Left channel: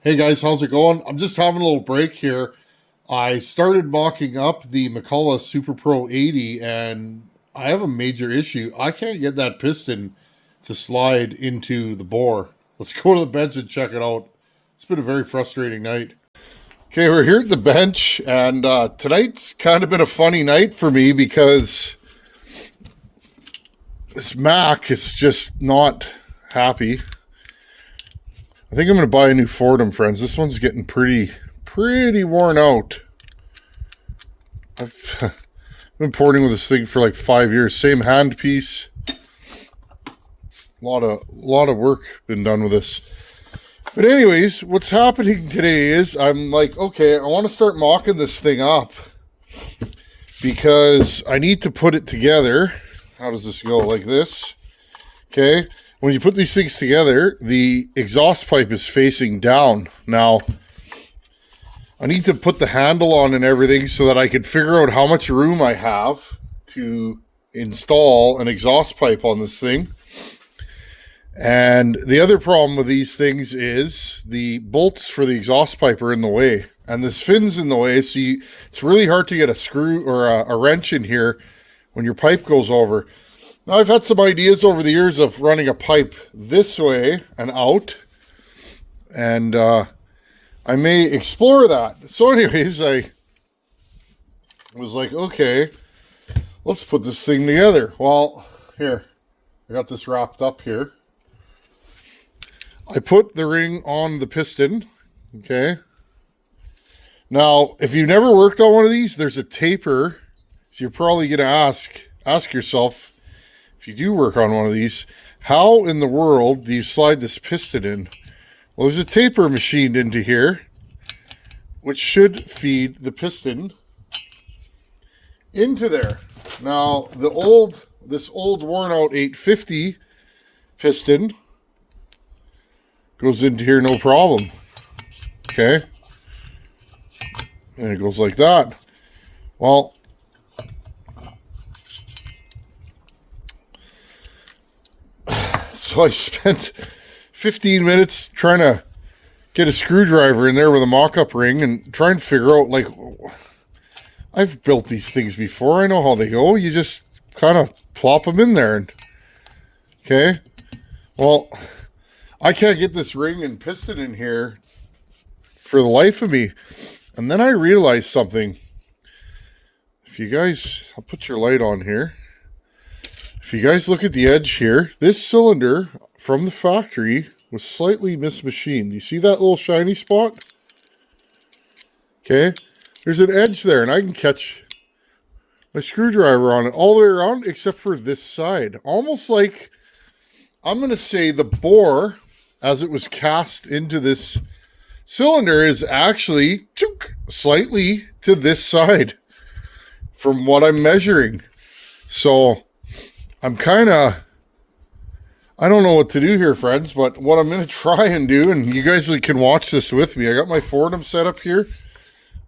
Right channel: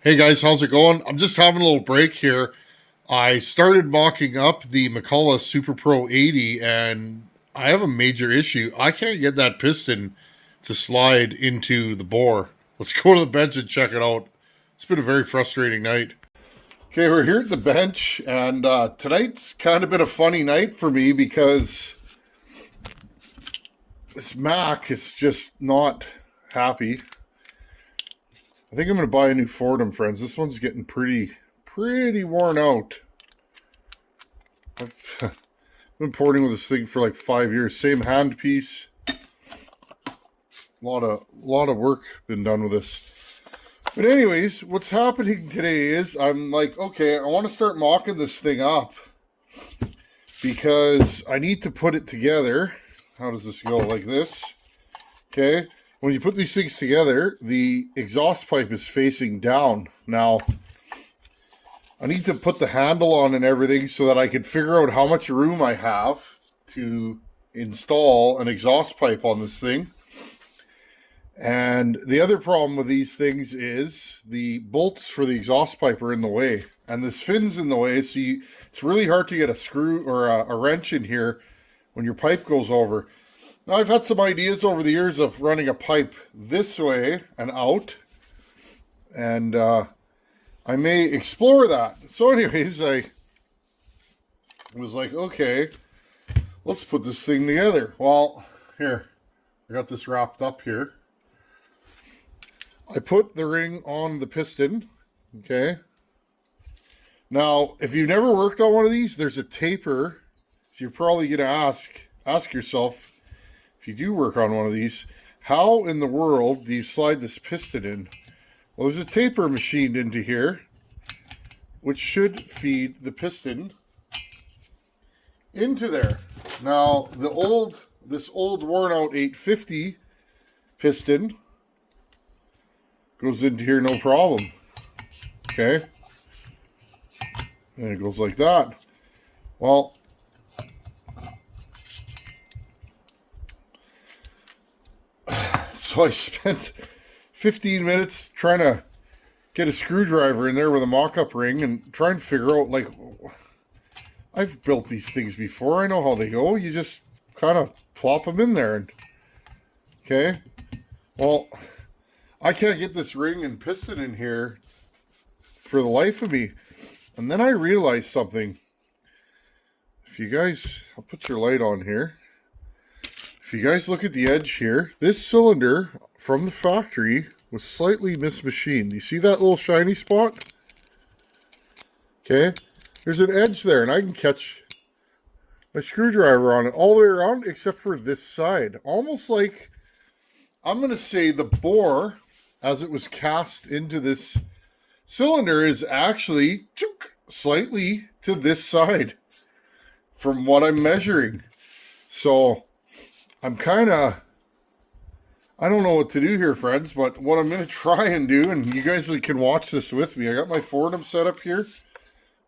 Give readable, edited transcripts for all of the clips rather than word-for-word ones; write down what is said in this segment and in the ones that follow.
Hey guys, how's it going? I'm just having a little break here. I started mocking up the McCullough Super Pro 80 and I have a major issue. I can't get that piston to slide into the bore. Let's go to the bench and check it out. It's been a very frustrating night. Okay, we're here at the bench and tonight's kind of been a funny night for me because this Mac is just not happy. I think I'm going to buy a new Fordham, friends. This one's getting pretty worn out. I've been porting with this thing for like 5 years. Same handpiece. A lot of work been done with this. But anyways, what's happening today is I'm like, okay, I want to start mocking this thing up because I need to put it together. How does this go? Like this. Okay. When you put these things together, the exhaust pipe is facing down. Now, I need to put the handle on and everything so that I can figure out how much room I have to install an exhaust pipe on this thing. And the other problem with these things is the bolts for the exhaust pipe are in the way. And this fin's in the way, so it's really hard to get a screw or a wrench in here when your pipe goes over. Now, I've had some ideas over the years of running a pipe this way and out, and I may explore that. So anyways, I was like, okay, let's put this thing together. Well, here, I got this wrapped up here. I put the ring on the piston, okay? Now, if you've never worked on one of these, there's a taper, so you're probably going to ask yourself, if you do work on one of these, how in the world do you slide this piston in? Well, there's a taper machined into here, which should feed the piston into there. Now, this old worn out 850 piston goes into here no problem. Okay? And it goes like that. Well, so I spent 15 minutes trying to get a screwdriver in there with a mock-up ring and try and figure out, like, I've built these things before. I know how they go. You just kind of plop them in there. Okay? Well, I can't get this ring and piston in here for the life of me. And then I realized something. If you guys, I'll put your light on here. If you guys look at the edge here, this cylinder from the factory was slightly mismachined. You see that little shiny spot? Okay, there's an edge there, and I can catch my screwdriver on it all the way around except for this side. Almost like, I'm going to say the bore, as it was cast into this cylinder, is actually slightly to this side from what I'm measuring. So I'm I don't know what to do here, friends, but what I'm going to try and do, and you guys can watch this with me. I got my Fordham set up here.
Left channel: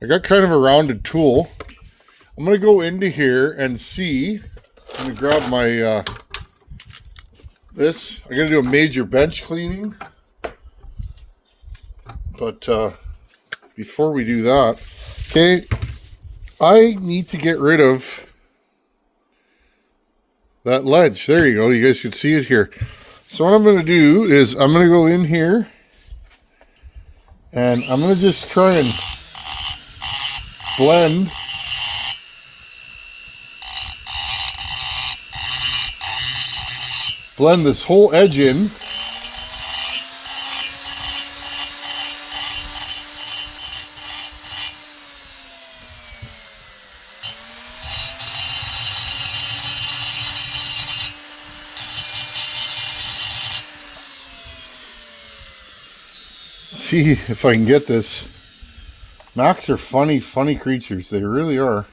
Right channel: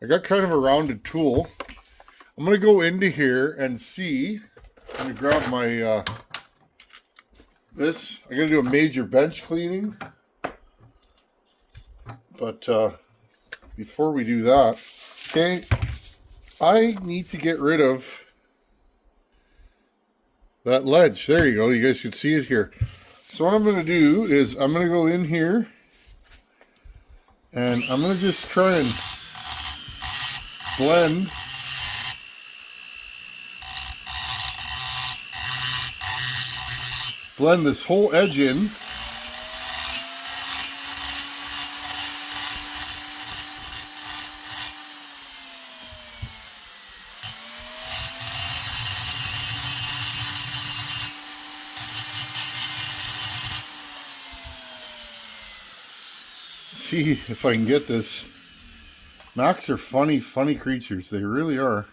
I got kind of a rounded tool. I'm going to go into here and see. Let me grab my, I'm going to do a major bench cleaning. But before we do that, okay, I need to get rid of that ledge. There you go. You guys can see it here. So what I'm going to do is I'm going to go in here and I'm going to just try and blend this whole edge in. See if I can get this. Macs are funny creatures. They really are.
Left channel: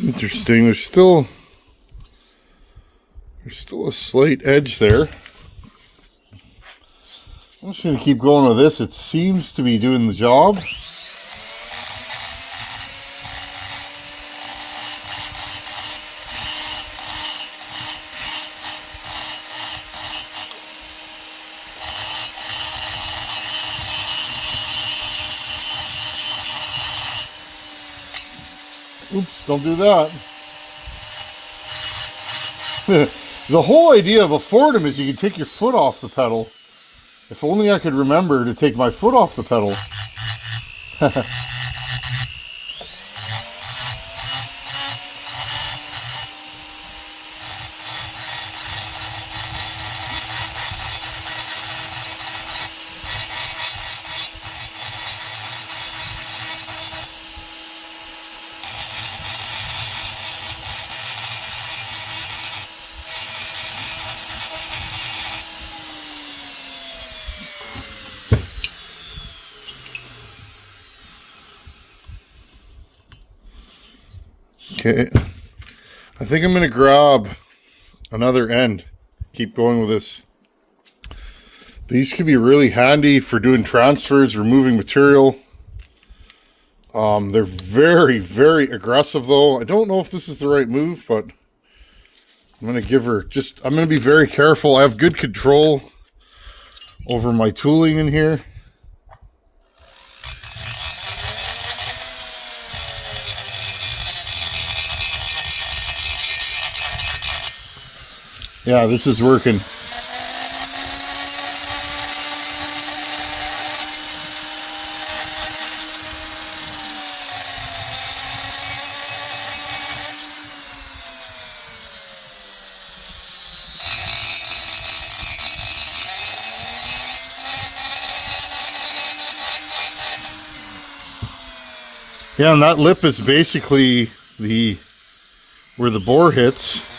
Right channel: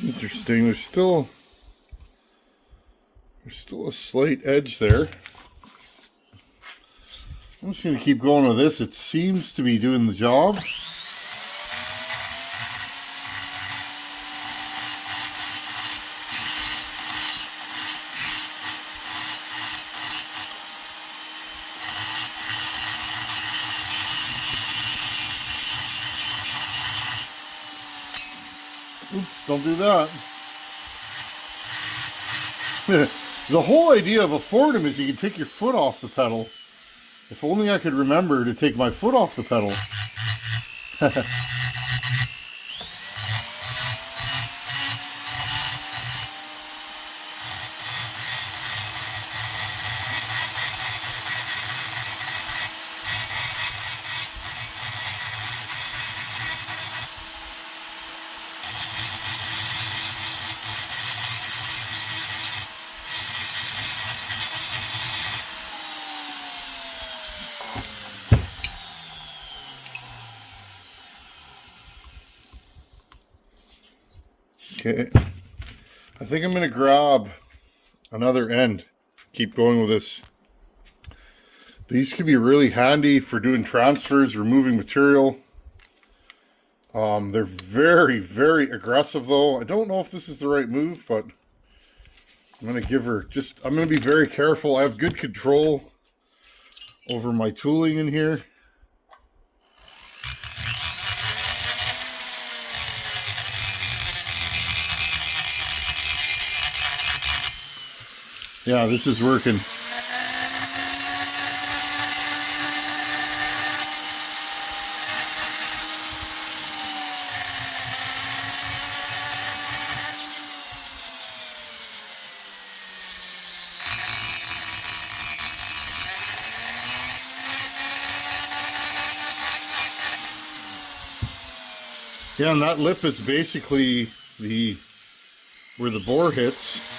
Interesting. There's still a slight edge there. I'm just going to keep going with this. It seems to be doing the job. Oops, don't do that. The whole idea of a Fordham is you can take your foot off the pedal. If only I could remember to take my foot off the pedal. Okay, I think I'm going to grab another end. Keep going with this. These could be really handy for doing transfers, removing material. They're very, very aggressive though. I don't know if this is the right move, but I'm going to give her I'm going to be very careful. I have good control over my tooling in here. Yeah, this is working. Yeah, and that lip is basically where the bore hits.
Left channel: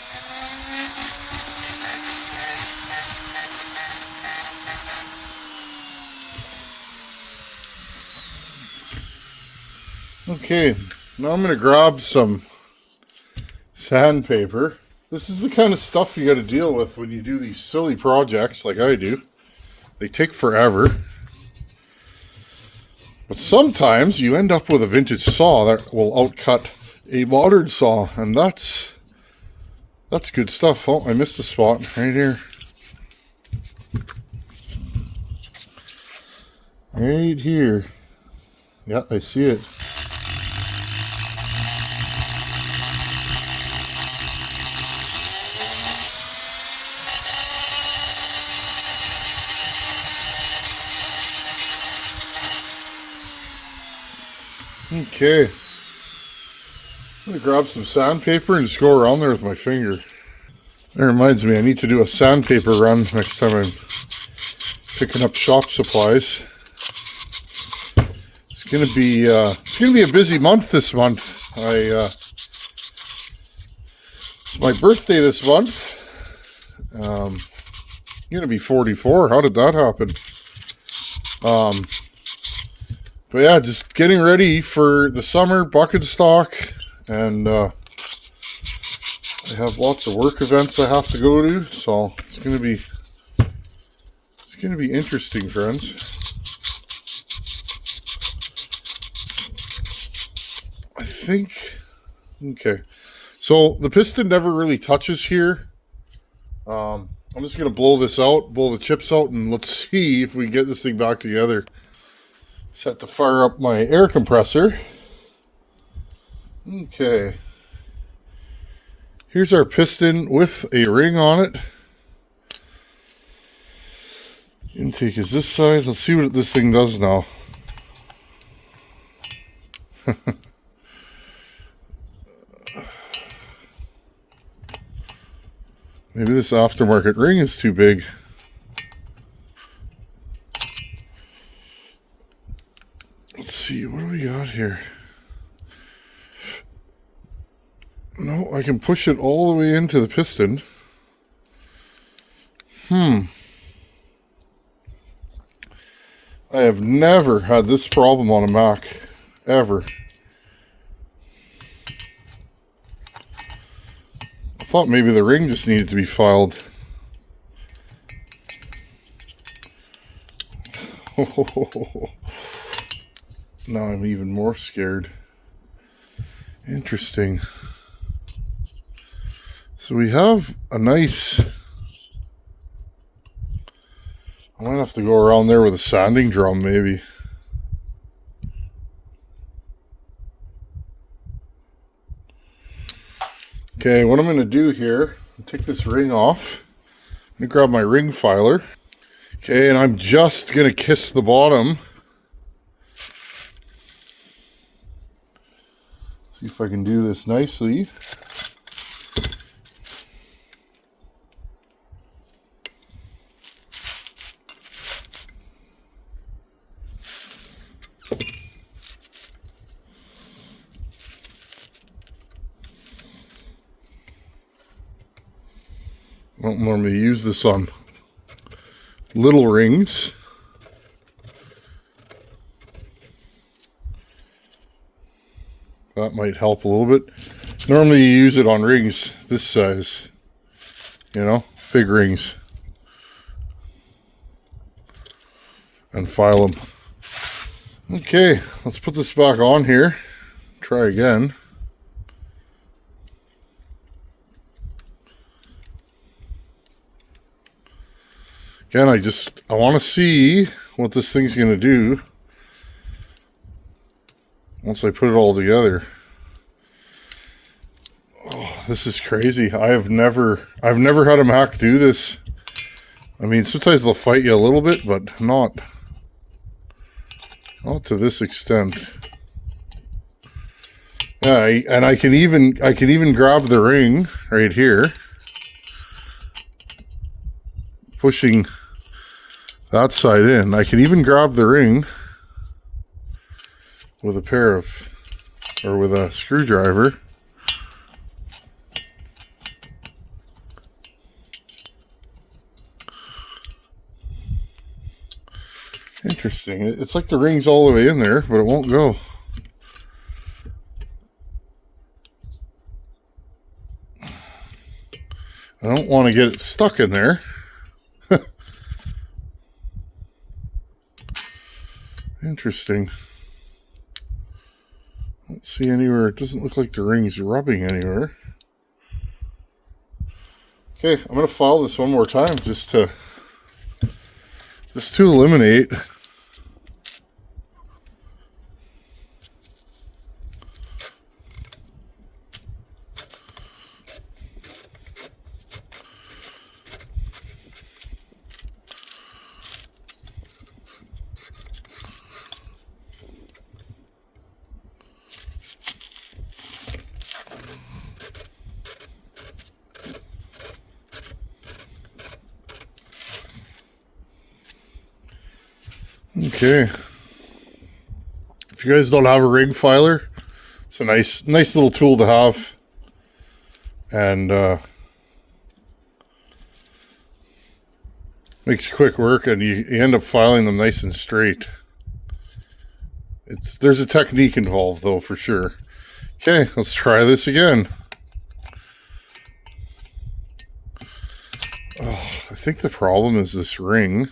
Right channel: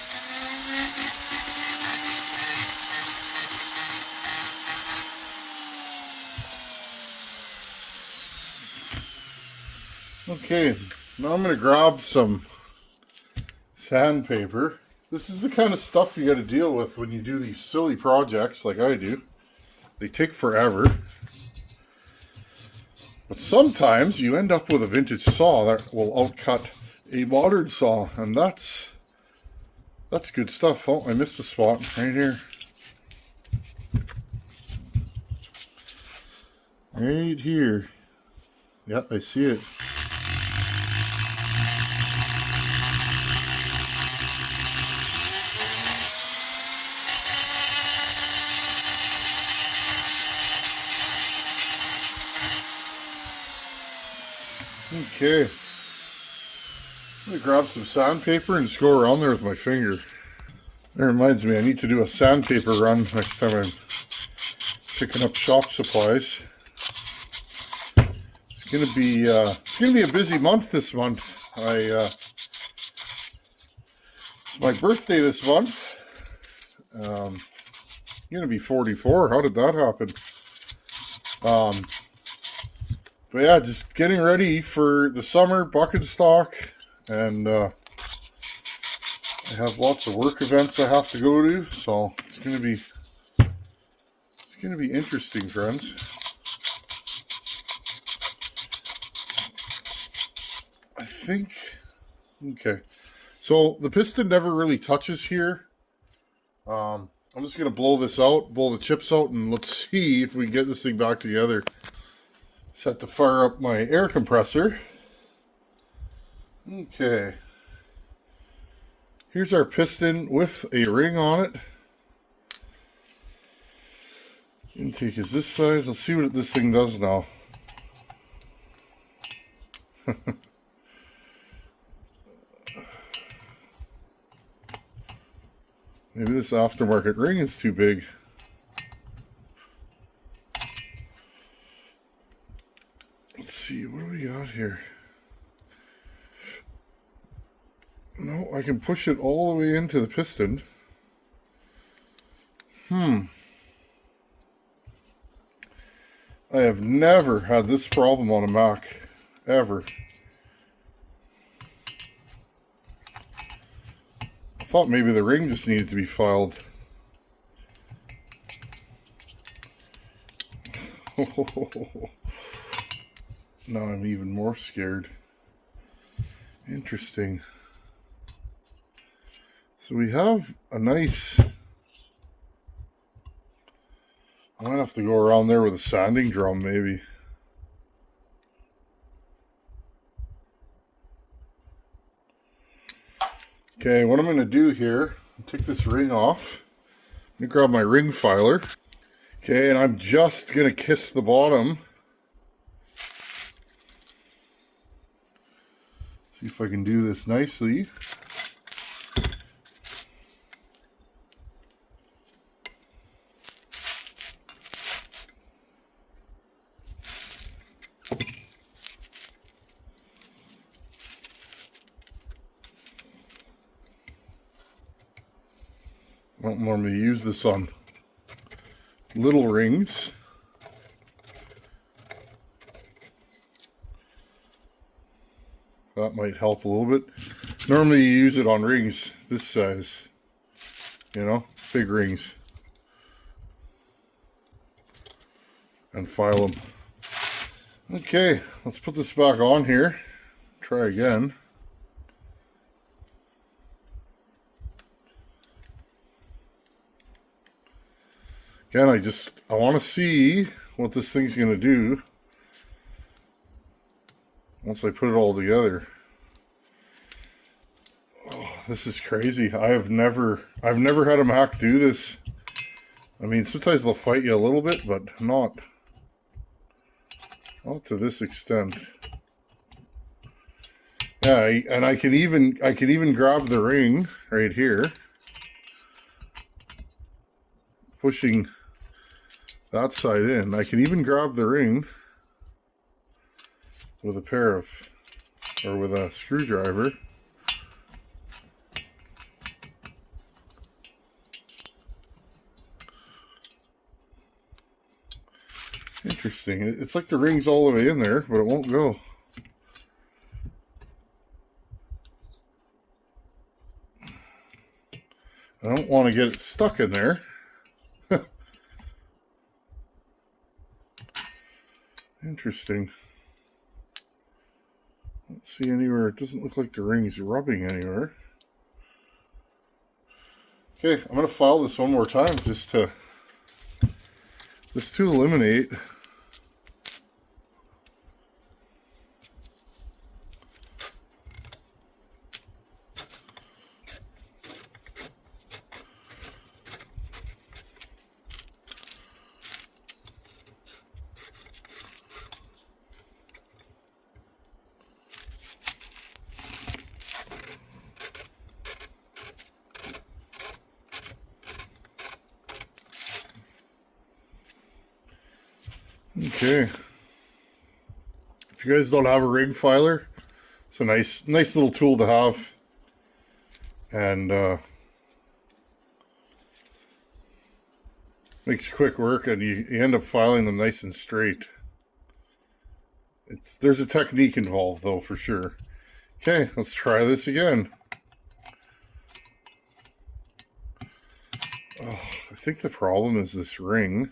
Okay, now I'm going to grab some sandpaper. This is the kind of stuff you got to deal with when you do these silly projects like I do. They take forever. But sometimes you end up with a vintage saw that will outcut a modern saw, and that's good stuff. Oh, I missed a spot right here. Right here. Yeah, I see it. Okay, I'm going to grab some sandpaper and just go around there with my finger. That reminds me, I need to do a sandpaper run next time I'm picking up shop supplies. It's going to be a busy month this month. It's my birthday this month. I'm going to be 44. How did that happen? But yeah, just getting ready for the summer bucket stock, and I have lots of work events I have to go to, so it's gonna be interesting, friends. I think okay. So the piston never really touches here. I'm just gonna blow this out, blow the chips out, and let's see if we can get this thing back together. Set to fire up my air compressor. Okay. Here's our piston with a ring on it. Intake is this side. Let's see what this thing does now. Maybe this aftermarket ring is too big. Let's see, what do we got here? No, I can push it all the way into the piston. I have never had this problem on a Mac, ever. thought maybe the ring just needed to be filed. Now I'm even more scared. Interesting. So we have a nice... I'm going to have to go around there with a sanding drum maybe. Okay, what I'm going to do here, take this ring off. I'm going to grab my ring filer. Okay, and I'm just going to kiss the bottom. See if I can do this nicely. I don't normally use this on little rings. That might help a little bit. Normally you use it on rings this size, you know, big rings. And file them. Okay, let's put this back on here. Try again. Again, I want to see what this thing's going to do once I put it all together. Oh, this is crazy. I've never had a Mac do this. I mean, sometimes they'll fight you a little bit, but not to this extent. Yeah, and I can even grab the ring right here, pushing that side in. I can even grab the ring with with a screwdriver. Interesting. It's like the ring's all the way in there, but it won't go. I don't want to get it stuck in there. Interesting. Don't see anywhere. It doesn't look like the ring's rubbing anywhere. Okay, I'm going to file this one more time just to eliminate. Okay. If you guys don't have a ring filer, it's a nice little tool to have. And makes quick work, and you end up filing them nice and straight. There's a technique involved though, for sure. Okay, let's try this again. Oh, I think the problem is this ring.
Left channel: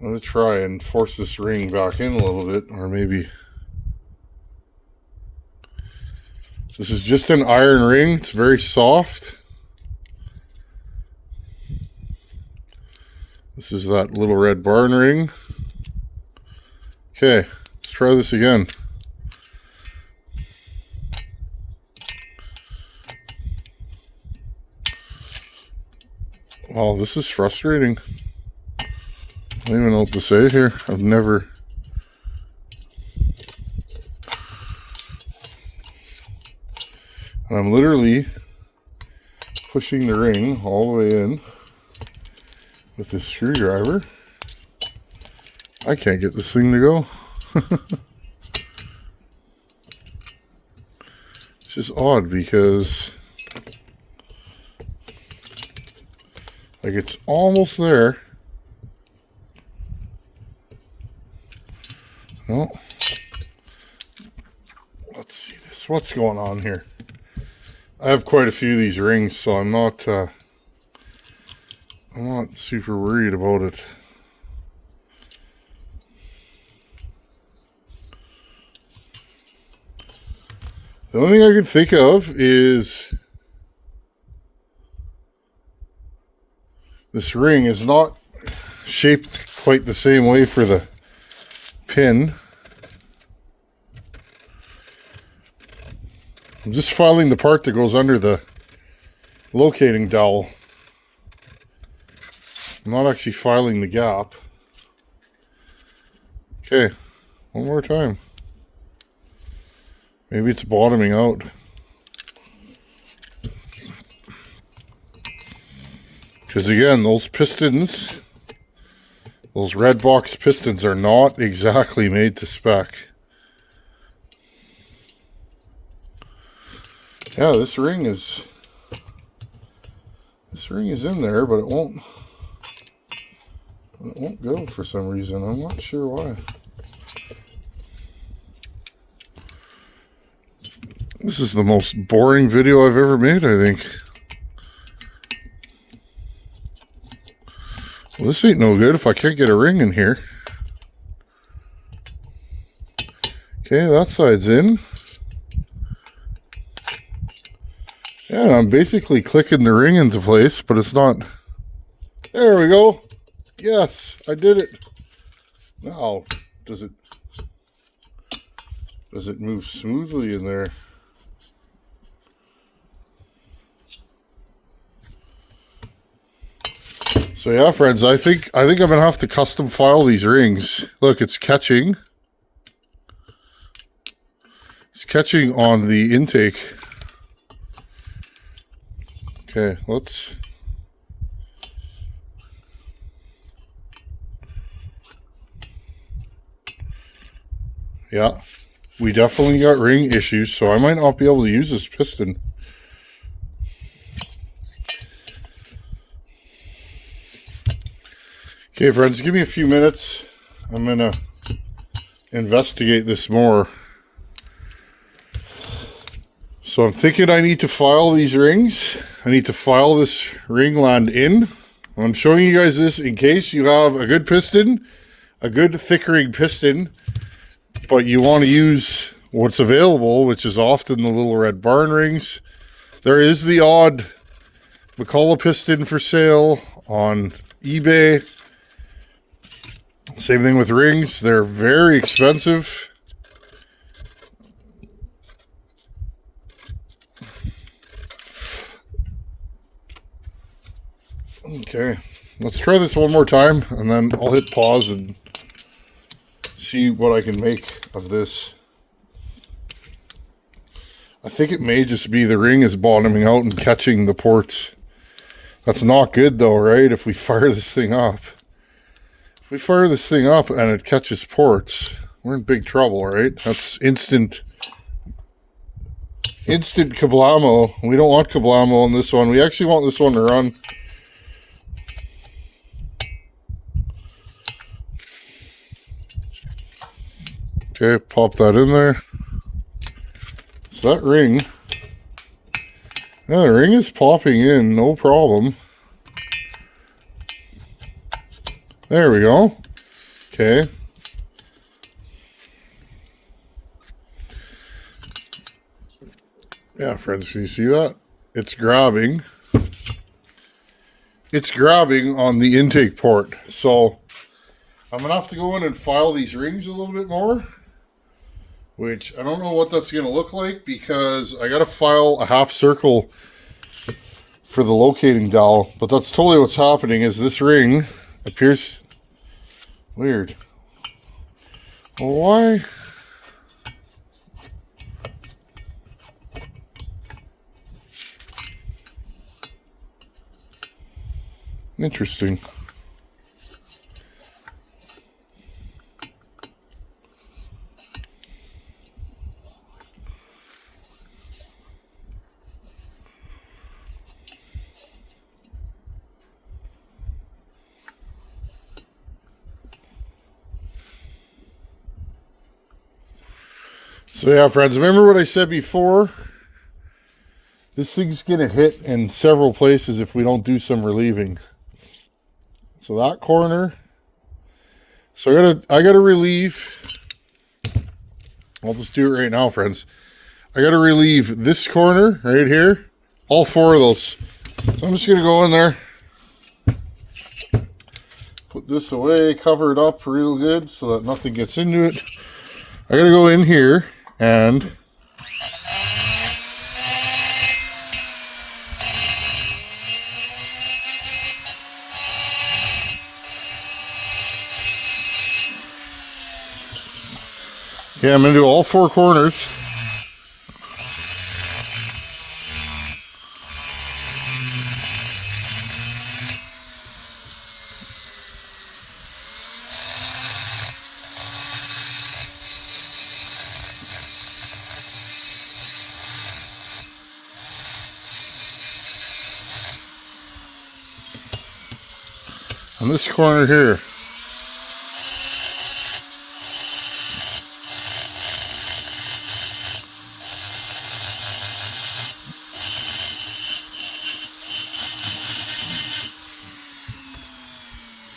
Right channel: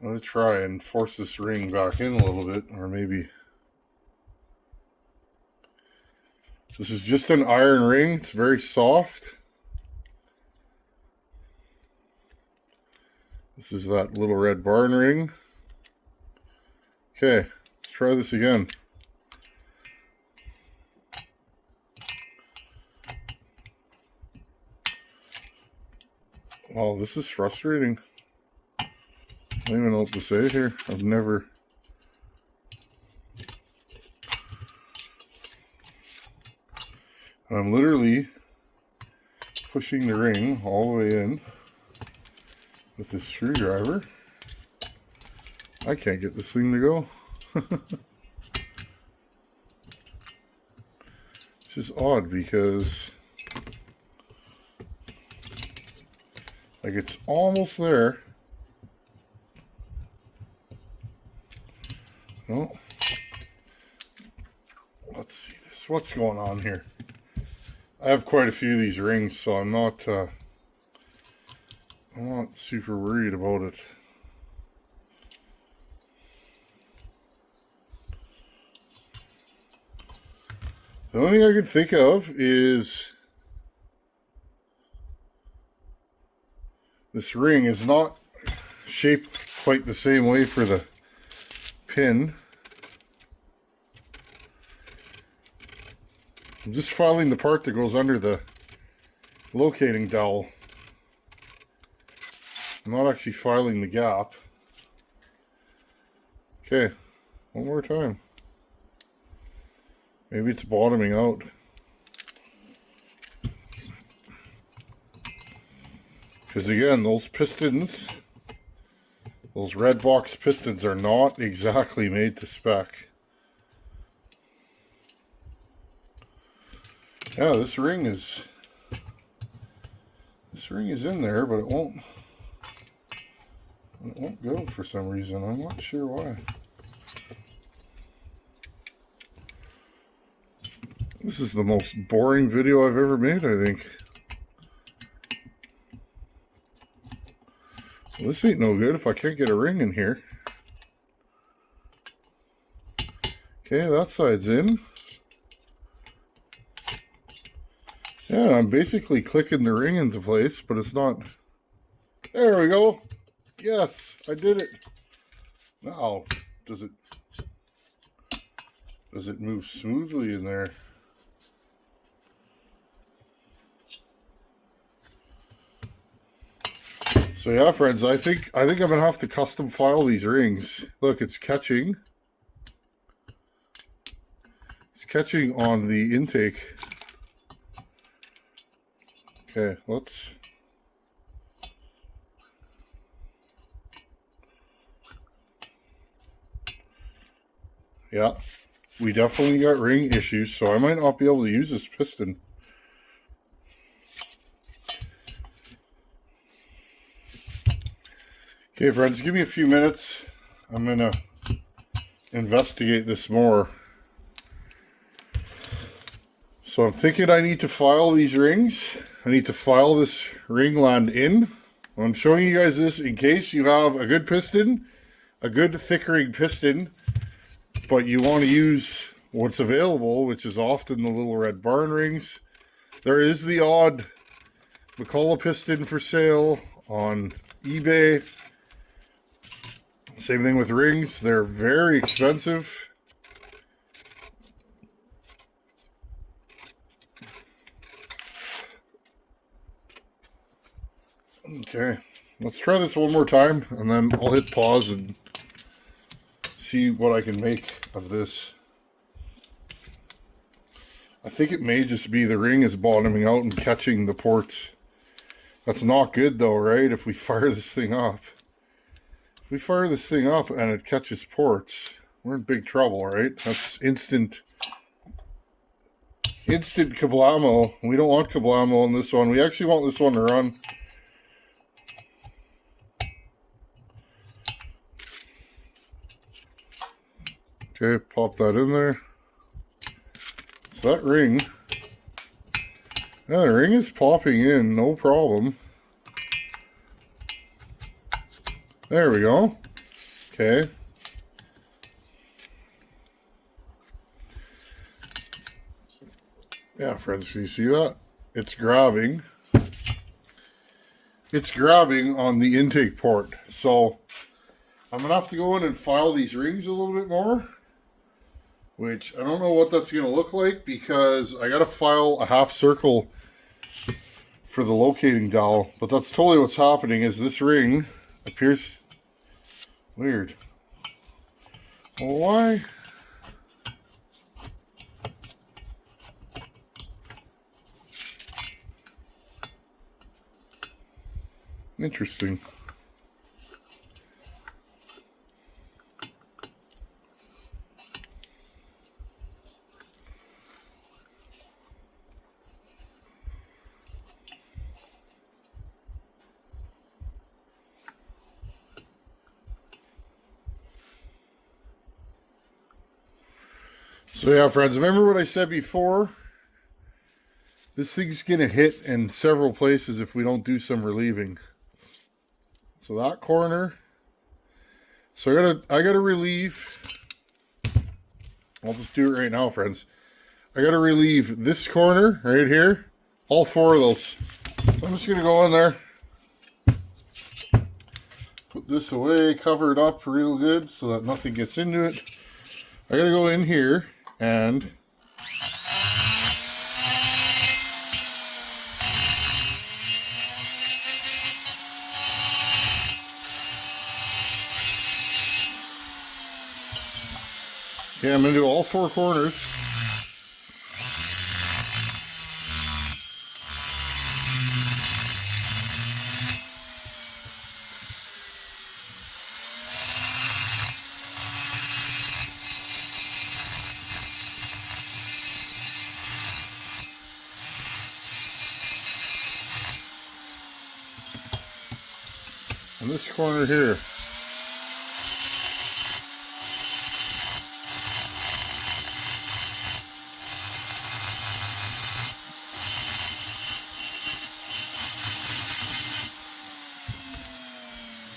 I'm going to try and force this ring back in a little bit, or maybe this is just an iron ring. It's very soft. This is that little red barn ring. Okay, let's try this again. Oh, this is frustrating. I don't even know what to say here. And I'm literally pushing the ring all the way in with this screwdriver. I can't get this thing to go. It's just odd because like it's almost there. Well, let's see this. What's going on here? I have quite a few of these rings, so I'm not super worried about it. The only thing I can think of is this ring is not shaped quite the same way for the pin. I'm just filing the part that goes under the locating dowel. I'm not actually filing the gap. Okay, one more time. Maybe it's bottoming out. Because again, those pistons, those red box pistons are not exactly made to spec. Yeah, this ring is in there, but it won't go for some reason. I'm not sure why. This is the most boring video I've ever made, I think. Well, this ain't no good if I can't get a ring in here. Okay, that side's in. Yeah, I'm basically clicking the ring into place, but it's not. There we go. Yes, I did it. Now, does it move smoothly in there? So yeah, friends, I think I'm gonna have to custom file these rings. Look, it's catching. It's catching on the intake. Okay, let's. Yeah, we definitely got ring issues, so I might not be able to use this piston. Okay, friends, give me a few minutes. I'm gonna investigate this more. So I'm thinking I need to file these rings. I need to file this ring land in. I'm showing you guys this in case you have a good piston, a good thick ring piston, but you want to use what's available, which is often the little red barn rings. There is the odd McCullough piston for sale on eBay. Same thing with rings. They're very expensive. Okay, let's try this one more time, and then I'll hit pause and see what I can make of this. I think it may just be the ring is bottoming out and catching the ports. That's not good though, right? If we fire this thing up. If we fire this thing up and it catches ports, we're in big trouble, right? That's instant kablamo. We don't want kablamo on this one. We actually want this one to run. Okay, pop that in there. So that ring, yeah, the ring is popping in, no problem. There we go. Okay. Yeah, friends, can you see that? It's grabbing. It's grabbing on the intake port. So I'm going to have to go in and file these rings a little bit more, which I don't know what that's going to look like because I got to file a half circle for the locating dowel. But that's totally what's happening is this ring appears weird. Well, why? Interesting. So yeah, friends, remember what I said before? This thing's gonna hit in several places if we don't do some relieving. So that corner. So I gotta relieve. I'll just do it right now, friends. I gotta relieve this corner right here. All 4 of those. So I'm just gonna go in there. Put this away, cover it up real good so that nothing gets into it. I gotta go in here and okay, I'm going to do all 4 corners. On this corner here.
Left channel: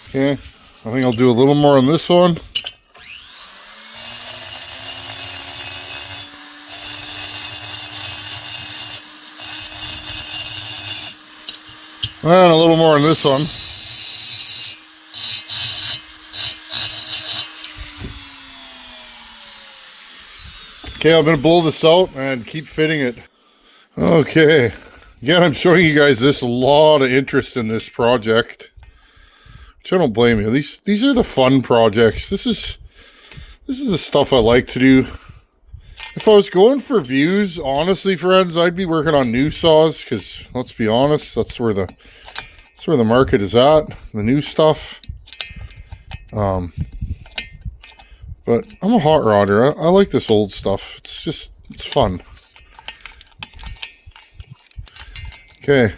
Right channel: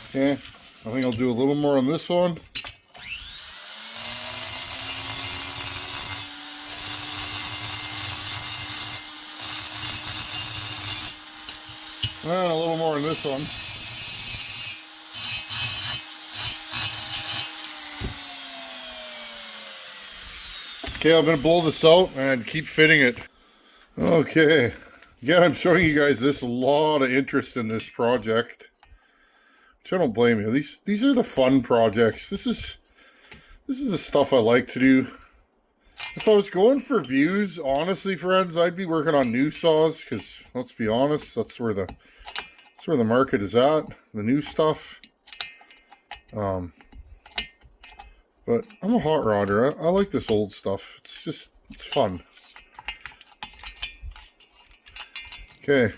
Okay, I think I'll do a little more on this one. And a little more on this one. Okay, I'm going to blow this out and keep fitting it. Okay, again, I'm showing you guys this, a lot of interest in this project. Which I don't blame you. These are the fun projects. This is the stuff I like to do. If I was going for views, honestly, friends, I'd be working on new saws because let's be honest, that's where the market is at. The new stuff. But I'm a hot rodder. I like this old stuff. It's fun. Okay,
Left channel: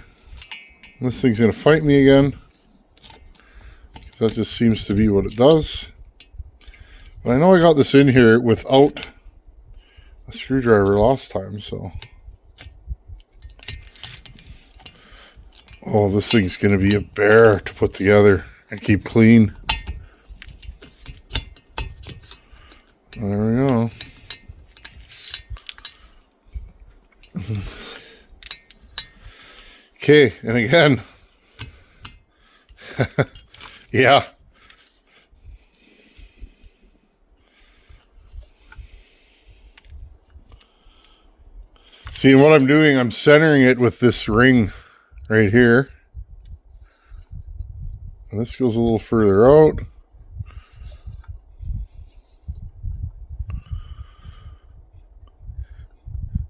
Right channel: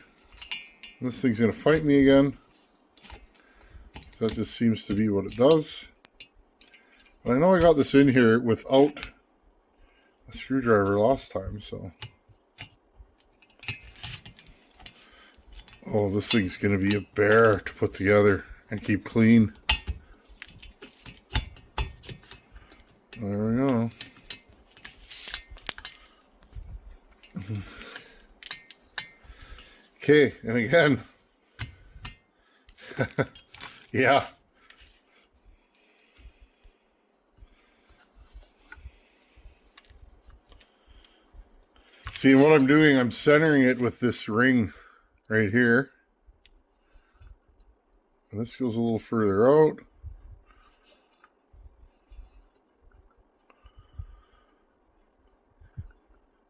this thing's gonna fight me again. That just seems to be what it does. But I know I got this in here without a screwdriver last time, so. Oh, this thing's going to be a bear to put together and keep clean. There we go. Okay, and again. Yeah. See, what I'm doing, I'm centering it with this ring right here. And this goes a little further out.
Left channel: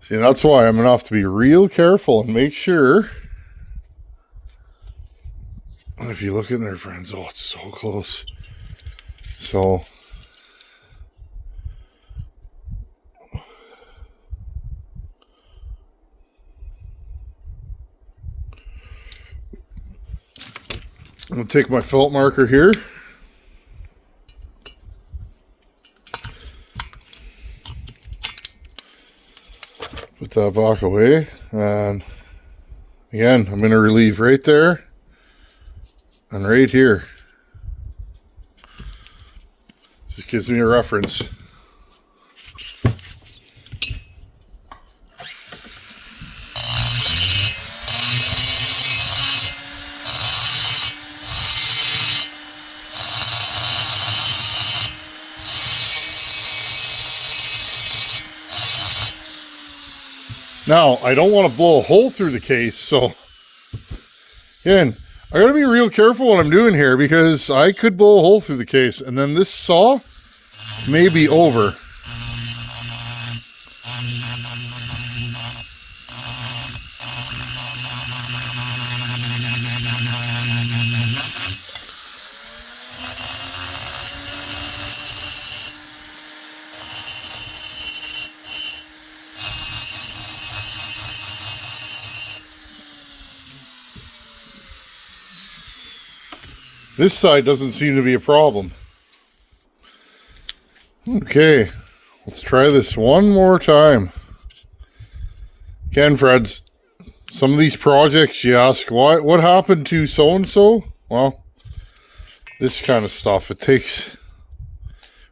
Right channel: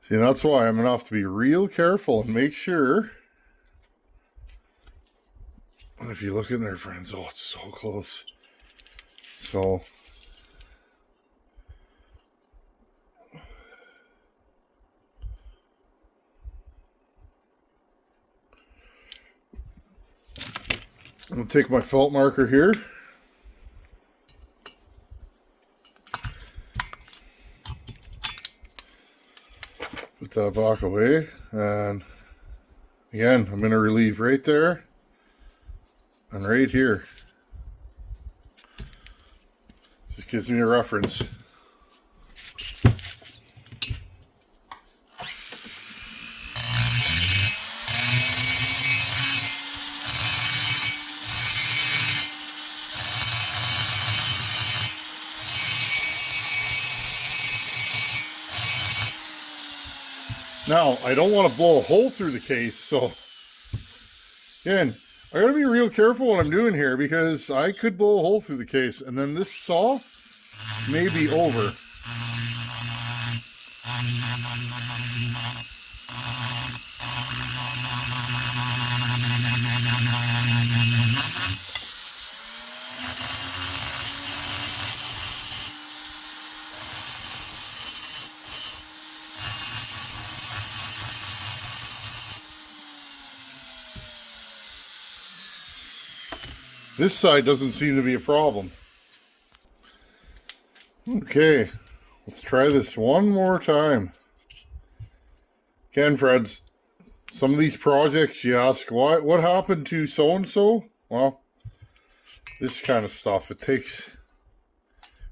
See, that's why I'm gonna have to be real careful and make sure. And if you look in there, friends, oh, it's so close. So, I'm going to take my felt marker here. Put that back away. And again, I'm going to relieve right there. And right here. This gives me a reference. Now, I don't want to blow a hole through the case, so again, I gotta be real careful what I'm doing here because I could blow a hole through the case and then this saw may be over. This side doesn't seem to be a problem. Okay, Let's try this one more time. Again, friends, some of these projects you ask, what happened to so-and-so? Well, this kind of stuff, it takes,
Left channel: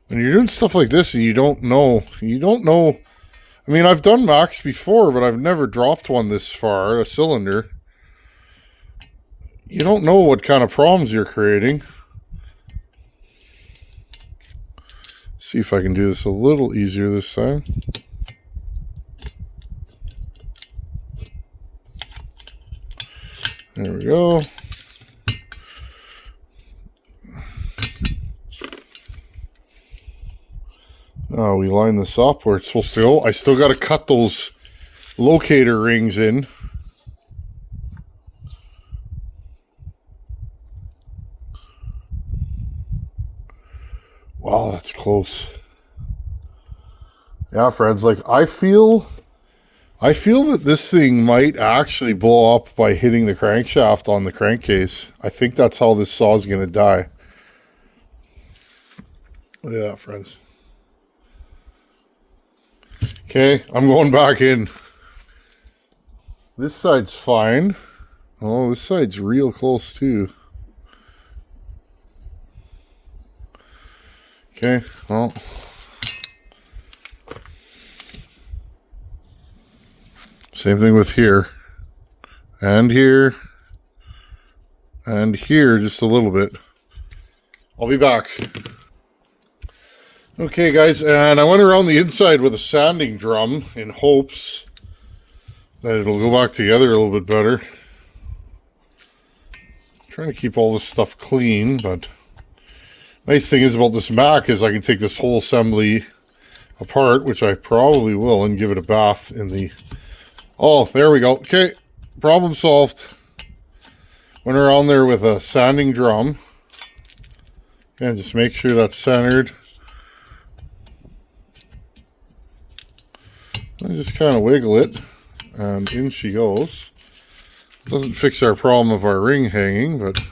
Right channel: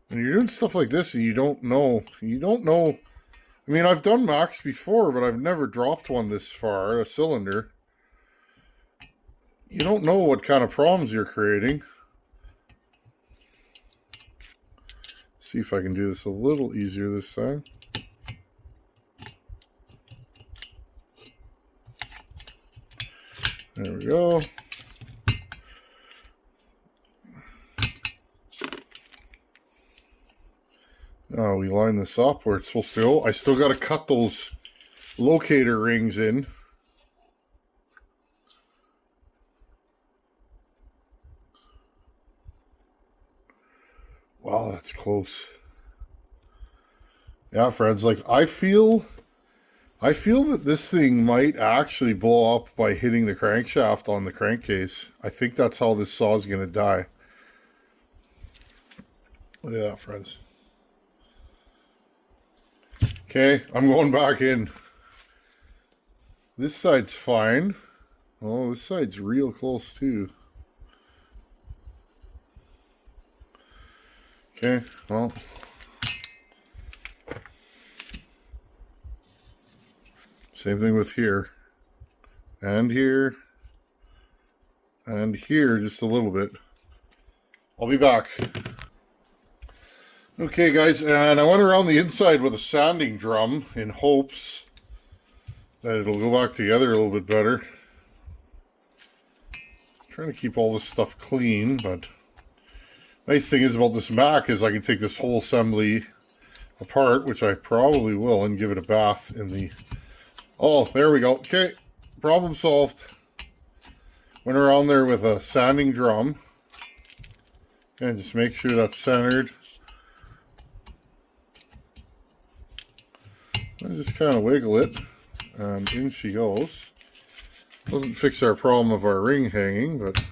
when you're doing stuff like this and you don't know. I mean, I've done Macs before, but I've never dropped one this far, a cylinder. You don't know what kind of problems you're creating. See if I can do this a little easier this time. There we go. Oh, we line this up where it's supposed to go. I still got to cut those locator rings in. Wow, that's close. Yeah, friends, like I feel that this thing might actually blow up by hitting the crankshaft on the crankcase. I think that's how this saw is going to die. Look at that, friends. Okay, I'm going back in. This side's fine. Oh, this side's real close too. Okay, well. Same thing with here. And here. And here just a little bit. I'll be back. Okay, guys, and I went around the inside with a sanding drum in hopes that it'll go back together a little bit better. I'm trying to keep all this stuff clean, but nice thing is about this Mac is I can take this whole assembly apart, which I probably will, and give it a bath in the... Oh, there we go. Okay, problem solved. Went around there with a sanding drum. And just make sure that's centered. I just kind of wiggle it, and in she goes. Doesn't fix our problem of our ring hanging, but...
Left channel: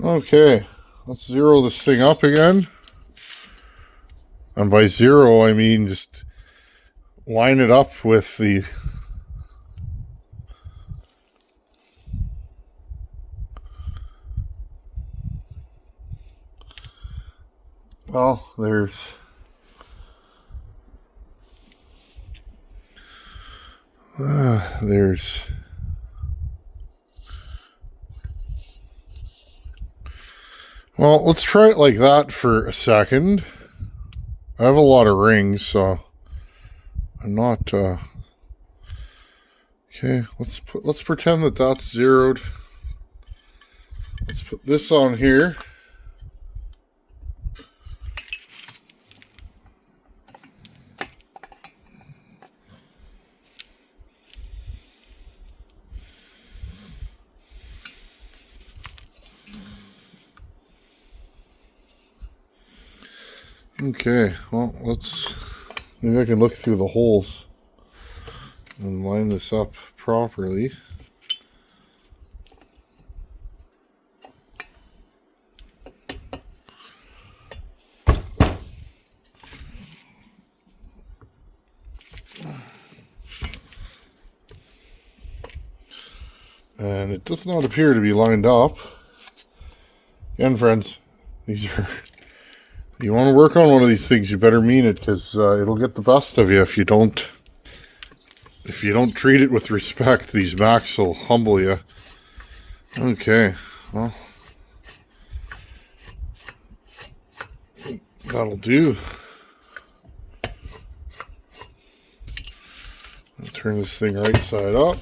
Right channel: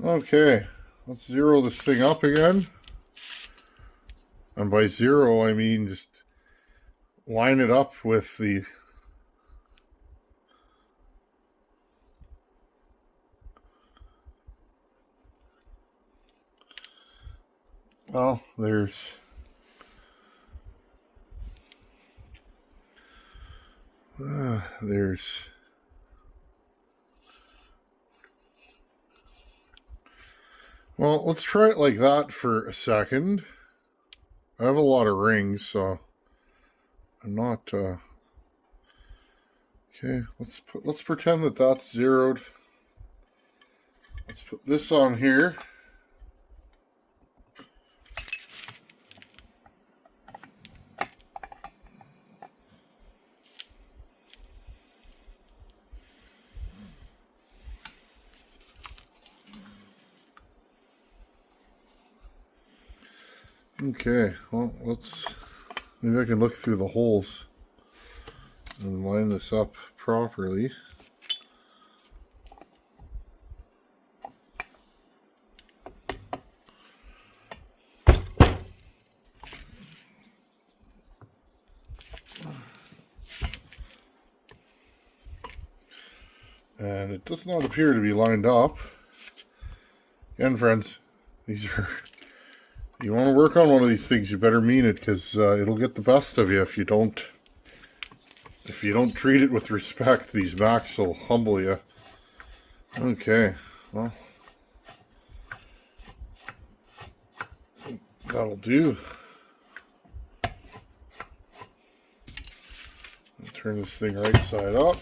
Okay, let's zero this thing up again. And by zero, I mean just line it up with the... Well, there's... Well, let's try it like that for a second. I have a lot of rings, so I'm not okay, let's pretend that that's zeroed. Let's put this on here. Okay, well, maybe I can look through the holes and line this up properly. And it does not appear to be lined up. Again, friends, these are... You want to work on one of these things, you better mean it, because it'll get the best of you if you don't treat it with respect. These Macs will humble you. Okay, well, that'll do. I'll turn this thing right side up.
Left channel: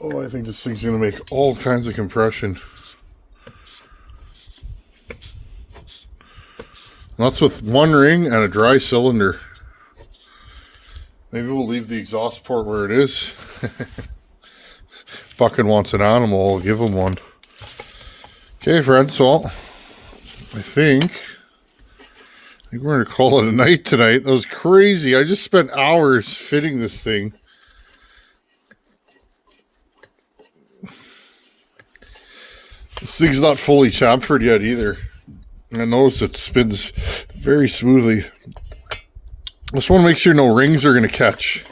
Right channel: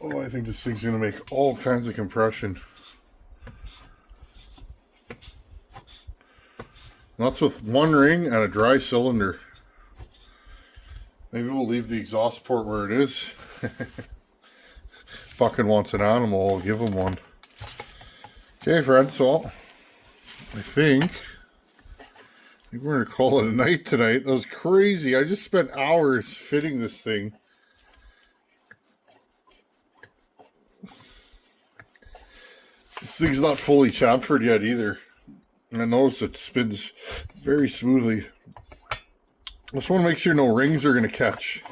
Oh, I think this thing's going to make all kinds of compression. And that's with one ring and a dry cylinder. Maybe we'll leave the exhaust port where it is. Fucking wants an animal, I'll give him one. Okay, friends, so I think I think we're going to call it a night tonight. It was crazy. I just spent hours fitting this thing. This thing's not fully chamfered yet either. I notice it spins very smoothly. Just want to make sure no rings are going to catch.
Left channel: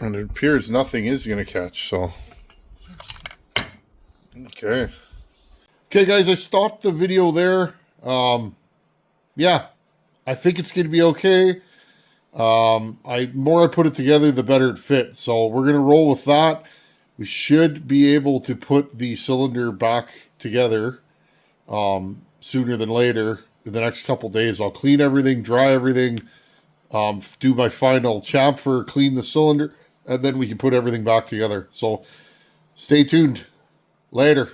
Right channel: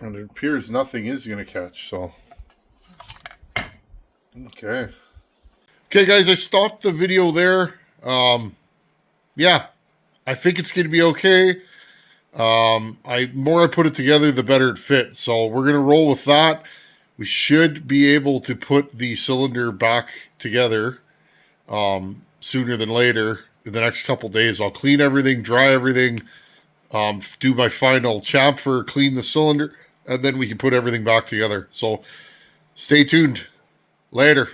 And it appears nothing is going to catch, so. Okay. Okay, guys, I stopped the video there. Yeah, I think it's going to be okay. More I put it together, the better it fits. So we're going to roll with that. We should be able to put the cylinder back together sooner than later. In the next couple days, I'll clean everything, dry everything, do my final chamfer, clean the cylinder, and then we can put everything back together. So stay tuned. Later.